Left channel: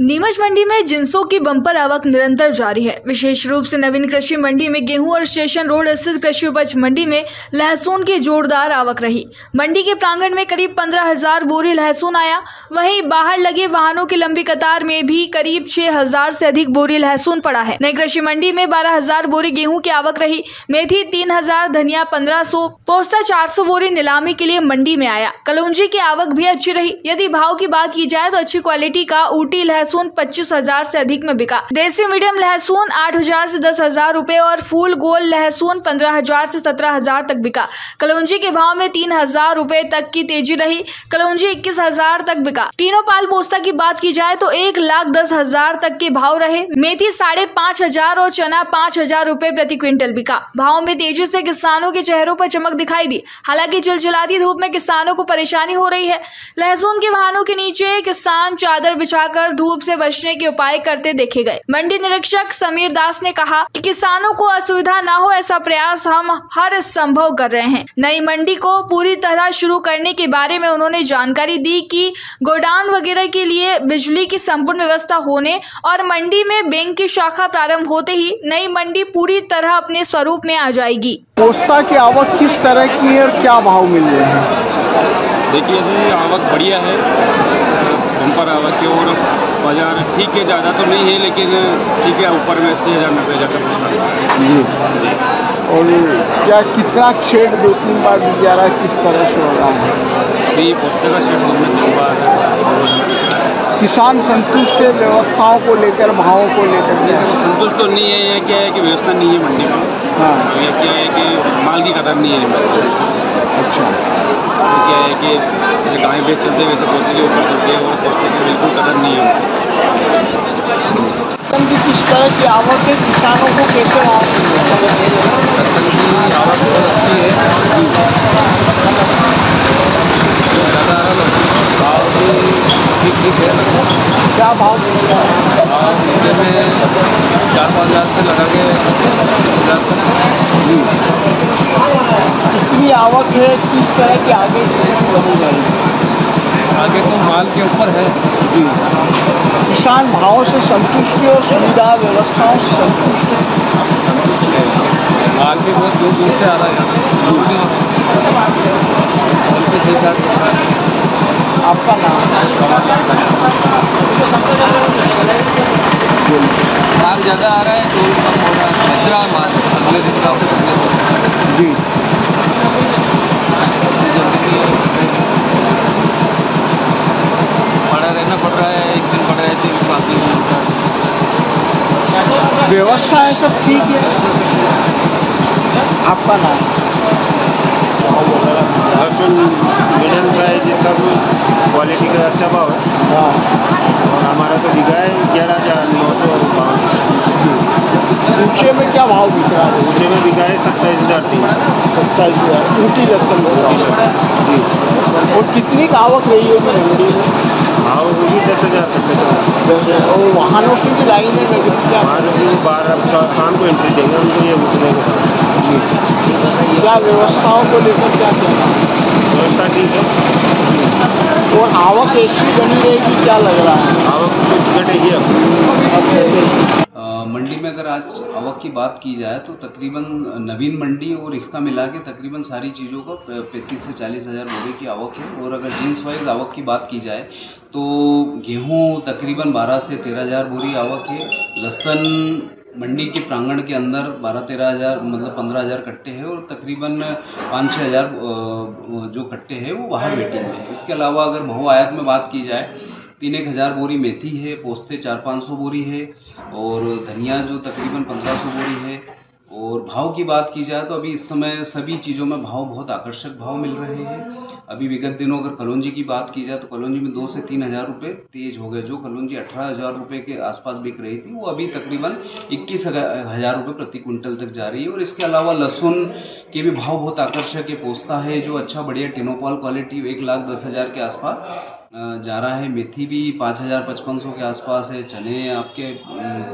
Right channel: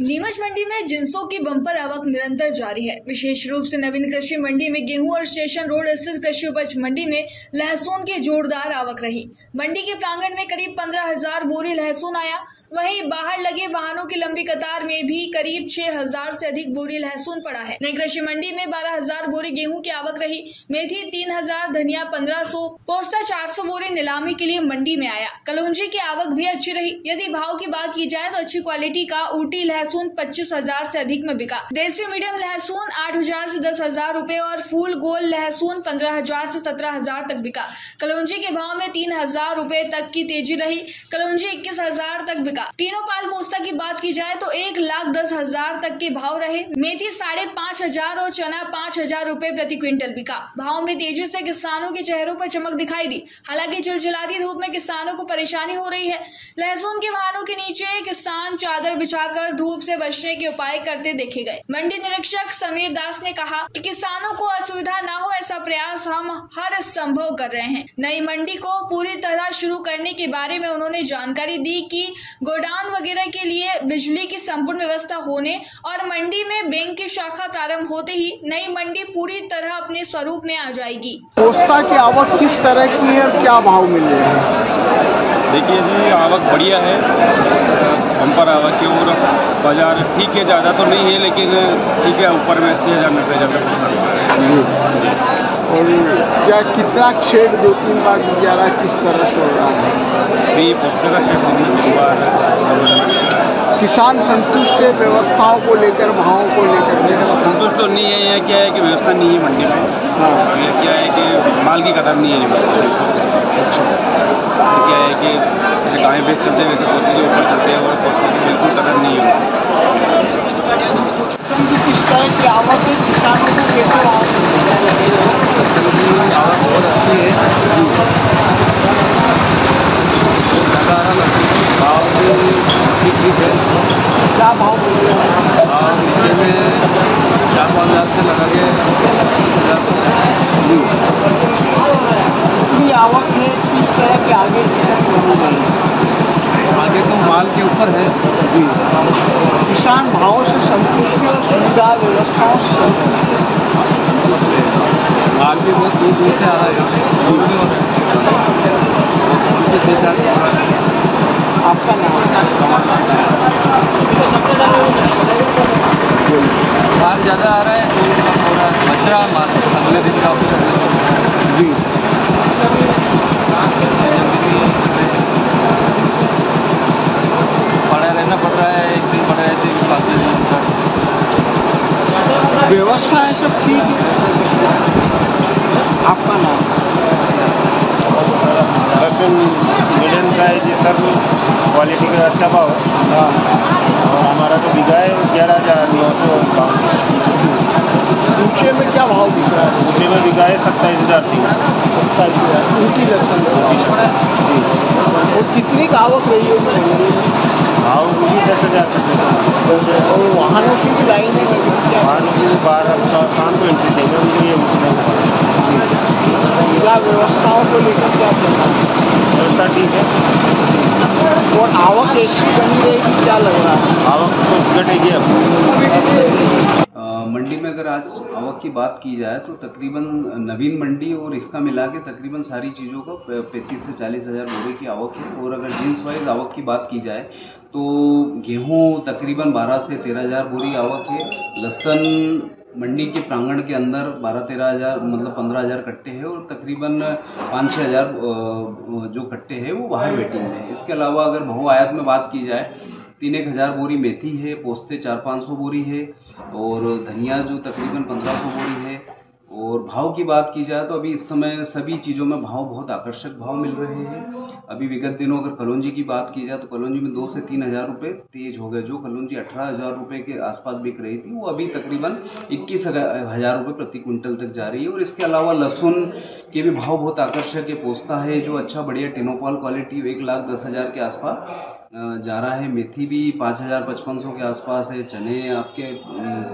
नीमच मंडी में जिंसों की बम्पर आवक निरंतर जारी है। विशेष रूप से नवीन कृषि मंडी में गेहूं और स्टेशन रोड स्थित कृषि उपज मंडी में लहसुन की जोरदार आवक रही। मंडी के प्रांगण में करीब 15,000 बोरी लहसुन आया। वहीं बाहर लगे वाहनों की लंबी कतार में भी करीब 6,000 से अधिक बोरी लहसुन पड़ा है। नई कृषि मंडी में 12,000 बोरी गेहूं की आवक रही। मेथी 3,000, धनिया 1,500, पोस्ता 400 बोरी नीलामी के लिए मंडी में आया। कलौंजी की आवक भी अच्छी रही। यदि भाव की बात की जाए तो अच्छी क्वालिटी का ऊटी लहसुन 25,000 से अधिक में बिका। देसी मीडियम लहसुन 8,000 से 10,000 रुपए और फूल गोल लहसुन 15,000 से 17,000 तक बिका। कलौंजी के भाव में 3,000 रुपए तक की तेजी रही। कलौंजी 21,000 तक बिका। तीनों पाल पोस्ता की बात की जाए तो 1,10,000 तक के भाव रहे। मेथी 5,500 और चना 5,000 रुपए प्रति क्विंटल बिका। भाव में तेजी से किसानों के चेहरों पर चमक दिखाई दी। हालांकि चिलचिलाती धूप में किसानों को परेशानी हो रही है। लहसुन के वाहनों के नीचे किसान चादर बिछाकर धूप से बचने के उपाय करते देखे गए। मंडी निरीक्षक समीर दास ने कहा कि किसानों को असुविधा न हो ऐसा प्रयास हम हर संभव कर रहे हैं। नई मंडी को पूरी तरह शुरू करने के बारे में उन्होंने जानकारी दी कि गोडाउन वगैरह के लिए बिजली की संपूर्ण व्यवस्था होने और मंडी में बैंक की शाखा प्रारंभ होते ही नई मंडी पूरी तरह अपने स्वरूप में आ जाएगी। पोस्ता की आवक किस तरह की है और क्या भाव मिल रहे हैं? देखिए जी, आवक बढ़िया है, बम्पर आवक की। और बाजार ठीक है, ज़्यादा तो नहीं है लेकिन ठीक है, ऊपर में 80,000 90,000 तक पोस्ता लग रहा है जी। और क्या कितना शेड 2-3 बार मिल जा रहा है, किस तरह से हो रहा है? अभी पोस्ते का शेड 2 में 3 बार रोजाना मिल रहा है। किसान संतुष्ट है व्यवस्थाओं को लेकर, भावों को लेकर? देखो, संतुष्ट तो नहीं है। यह क्या है कि व्यवस्था नहीं है मंडी में। हाँ। यह क्या है कि माल की कदर नहीं है मंडी में। अच्छा। क्या है कि जैसे गाय बेच चलते हैं वैसे पोस्ते के ऊपर चलते हैं और पोस्ते की बिल्कुल कदर नहीं है। किस तरह की आवक है, किसानों को कैसे लहसुन की आवक बहुत अच्छी है जी। ज़्यादा आ रहा लहसुन, भाव भी ठीक है। क्या भाव मिल रहा है? भाव नीचे में 4-5 हज़ार से लगा के 25,000 तक जी। इतनी आवक है, किस तरह के आगे आगे तो माल के ऊपर है जी। किसान भाव से संतुष्ट और सुविधा व्यवस्थाओं से संतुष्ट है। माल भी बहुत दूर दूर से आ रहा है यहाँ और किस हिसाब से हो रहा है। आपका नाम? माल ज़्यादा आ रहा है, टोल कम हो रहा है, बच रहा है माल। अगले दिन का कुछ अगले दिन हो रहा है जी। जल्दी नहीं कर रहे, पड़ा रहना पड़ रहा है। एक दिन पड़ रहे थे, अगले दिन होता है। व्यवस्था है सब ठीक है? आपका नाम? लहसुन मीडियम साइज सब क्वालिटी का अच्छा भाव है। और हमारा तो बिका है 11,952। ऊँचे में क्या भाव बिक रहा है? ऊँचे में बिका है 27,300। 27,000 ऊँची लहसुन जी। और कितनी का आवक रही होगी मंडी में? भाव भी 10,000 कट्टे का। और वाहनों की भी लाइन में वाहनों की 12 शाम को एंट्री देंगे उनको, ये उतने को क्या व्यवस्थाओं को लेकर क्या व्यवस्था ठीक है। और आवक ऐसी बनी रहेगी क्या लग रहा है? आवक तो घटेगी अब। मंडी में अगर आज आवक की बात की जाए तो तकरीबन नवीन मंडी और इसका मिला के तकरीबन सारी चीज़ों का 35 से 40,000 बोरे की आवक है। और अगर जीन्स वाइज आवक की बात की जाए तो गेहूं तकरीबन 12 से 13,000 बोरी आवक है। लहसुन मंडी के प्रांगण के अंदर 12-13 हज़ार मतलब 15,000 कट्टे हैं और तकरीबन 5-6 हज़ार जो कट्टे हैं वो बाहर वेटिंग में है। इसके अलावा अगर बहु आयात में बात की जाए 3-1 बोरी मेथी है, पोस्ते 400-500 बोरी है और धनिया जो तकरीबन 1,500 बोरी है। और भाव की बात की जाए तो अभी इस समय सभी चीज़ों में भाव बहुत आकर्षक भाव मिल रहे हैं। अभी विगत दिनों अगर कलौंजी की बात की जाए तो कलौंजी में 2 से 3 हज़ार रुपये तेज हो गए। जो कलौंजी 18,000 रुपये के आसपास बिक रही थी वो अभी तकरीबन 21,000 रुपये प्रति क्विंटल तक जा रही है। और इसके अलावा लहसुन के भी भाव बहुत आकर्षक है। पोस्ता है जो अच्छा बढ़िया टिनोपॉल क्वालिटी 1,10,000 के आसपास जा रहा है। मेथी भी 5,000-5,500 के आसपास है। चने आपके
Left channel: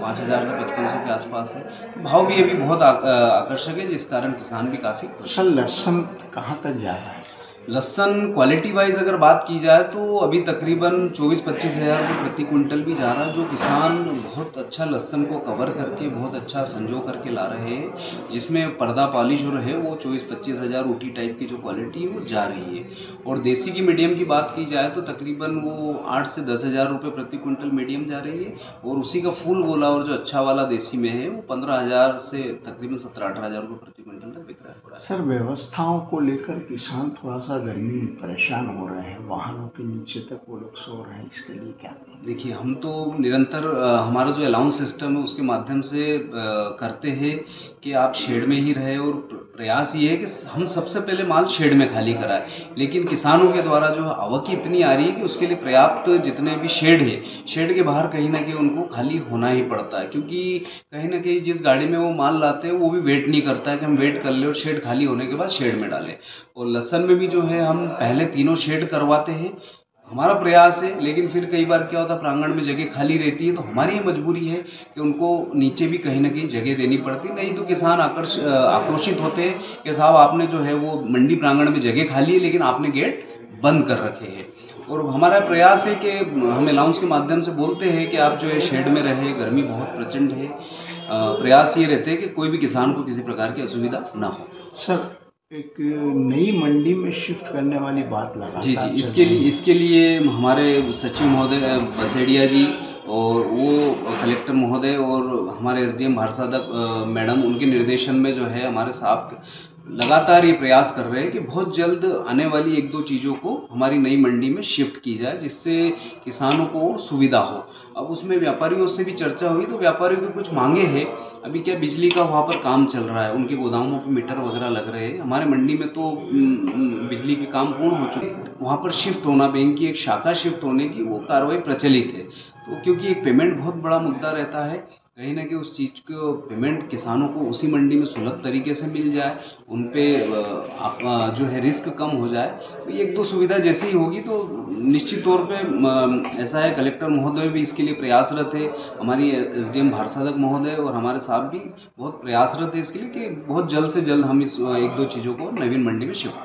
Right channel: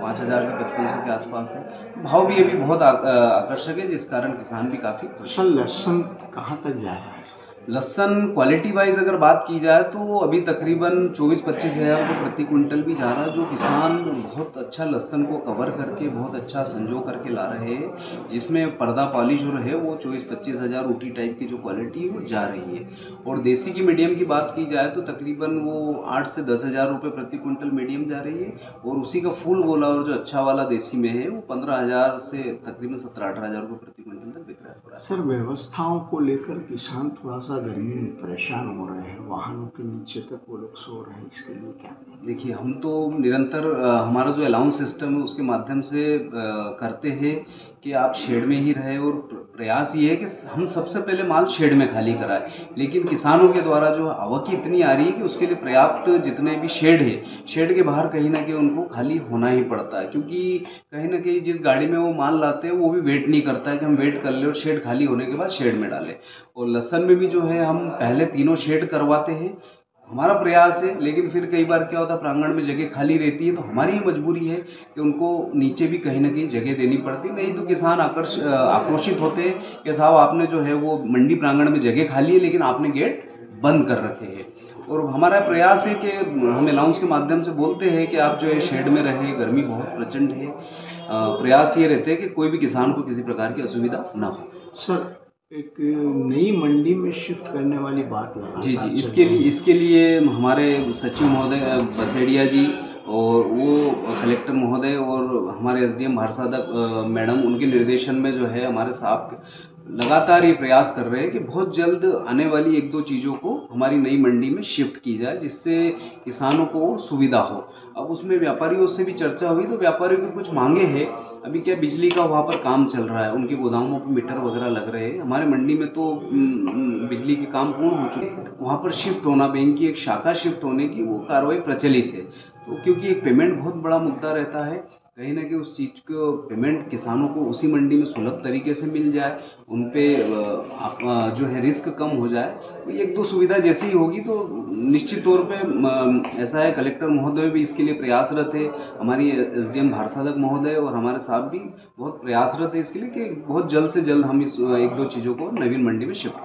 5,000 से 5,500 के आसपास है। तो भाव भी अभी बहुत आकर्षक है जिस कारण किसान भी काफ़ी खुश है। लहसुन कहाँ तक जा रहा है? लहसन क्वालिटी वाइज अगर बात की जाए तो अभी तकरीबन 24-25 हज़ार रुपये प्रति क्विंटल भी जा रहा है, जो किसान बहुत अच्छा लहसन को कवर करके बहुत अच्छा संजो करके ला रहे हैं, जिसमें पर्दा पॉलिश और है वो 24-25 हज़ार ऊटी टाइप की जो क्वालिटी है वो जा रही है। और देसी की मीडियम की बात की जाए तो तकरीबन वो 8 से 10 हज़ार रुपये प्रति क्विंटल मीडियम जा रही है, और उसी का फुल गोला और जो अच्छा वाला देसी में है वो 15 हज़ार से तकरीबन 17-18 हज़ार रुपये प्रति क्विंटल तक बिक रहा है। सर, व्यवस्थाओं को लेकर किसान थोड़ा सा गर्मी में परेशान हो रहे हैं, वाहनों के नीचे तक वो लोग सो रहे हैं, इसके लिए क्या करें? देखिए, हम तो निरंतर हमारा जो अलाउंस सिस्टम है उसके माध्यम से करते हैं कि आप शेड में ही रहे, और प्रयास ये है कि हम सबसे पहले माल शेड में खाली कराएं। लेकिन किसानों के द्वारा जो आवक इतनी आ रही है कि उसके लिए पर्याप्त जितने भी शेड है, शेड के बाहर कहीं ना कहीं उनको खाली होना ही पड़ता है, क्योंकि कहीं ना कहीं जिस गाड़ी में वो माल लाते हैं वो भी वेट नहीं करता है कि हम वेट कर ले और शेड खाली होने के बाद शेड में डालें। और लहसन में भी जो है हम पहले तीनों शेड करवाते हैं, हमारा प्रयास है। लेकिन फिर कई बार क्या होता है, प्रांगण में जगह खाली रहती है, तो हमारी ही मजबूरी है कि उनको नीचे भी कहीं ना कहीं जगह देनी पड़ती, नहीं तो किसान आक्रोशित होते हैं कि साहब आपने जो है वो मंडी प्रांगण में जगह खाली है लेकिन आपने गेट बंद कर रखे हैं। और हमारा प्रयास है कि हम अलाउंस के माध्यम से बोलते हैं कि आप जो है शेड में रहे, गर्मी बहुत प्रचंड है, प्रयास ये रहते हैं कि कोई भी किसान को किसी प्रकार की असुविधा ना हो। सर, एक नई मंडी में शिफ्ट करने वाली बात लगा जी, इसके लिए हमारे सचिव महोदय बसेड़िया जी और वो कलेक्टर महोदय और हमारे एसडीएम भारसादक मैडम, उनके निर्देशन में जो है हमारे साहब लगातार ये प्रयास कर रहे हैं कि बहुत जल्द आने वाली 1-2 चीज़ों को हमारी नई मंडी में शिफ्ट की जाए, जिससे किसानों को और सुविधा हो। अब उसमें व्यापारियों से भी चर्चा हुई, तो व्यापारियों की कुछ मांगे हैं। अभी क्या बिजली का वहाँ पर काम चल रहा है, उनके गोदामों पर मीटर वगैरह लग रहे हैं, हमारे मंडी में तो बिजली के काम पूर्ण हो चुके हैं। वहाँ पर शिफ्ट होना, बैंक की एक शाखा शिफ्ट होने की वो कार्रवाई प्रचलित है। तो क्योंकि एक पेमेंट बहुत बड़ा मुद्दा रहता है, कहीं ना कहीं उस चीज़ को पेमेंट किसानों को उसी मंडी में सुलभ तरीके से मिल जाए, उन पे जो है रिस्क कम हो जाए, तो 1-2 सुविधा जैसे ही होगी तो निश्चित तौर पे ऐसा है। कलेक्टर महोदय भी इसके लिए प्रयासरत है, हमारी एसडीएम भारसादक महोदय और हमारे साहब भी बहुत प्रयासरत है इसके लिए कि बहुत जल्द से जल्द हम इस 1-2 चीज़ों को नवीन मंडी में शिफ्ट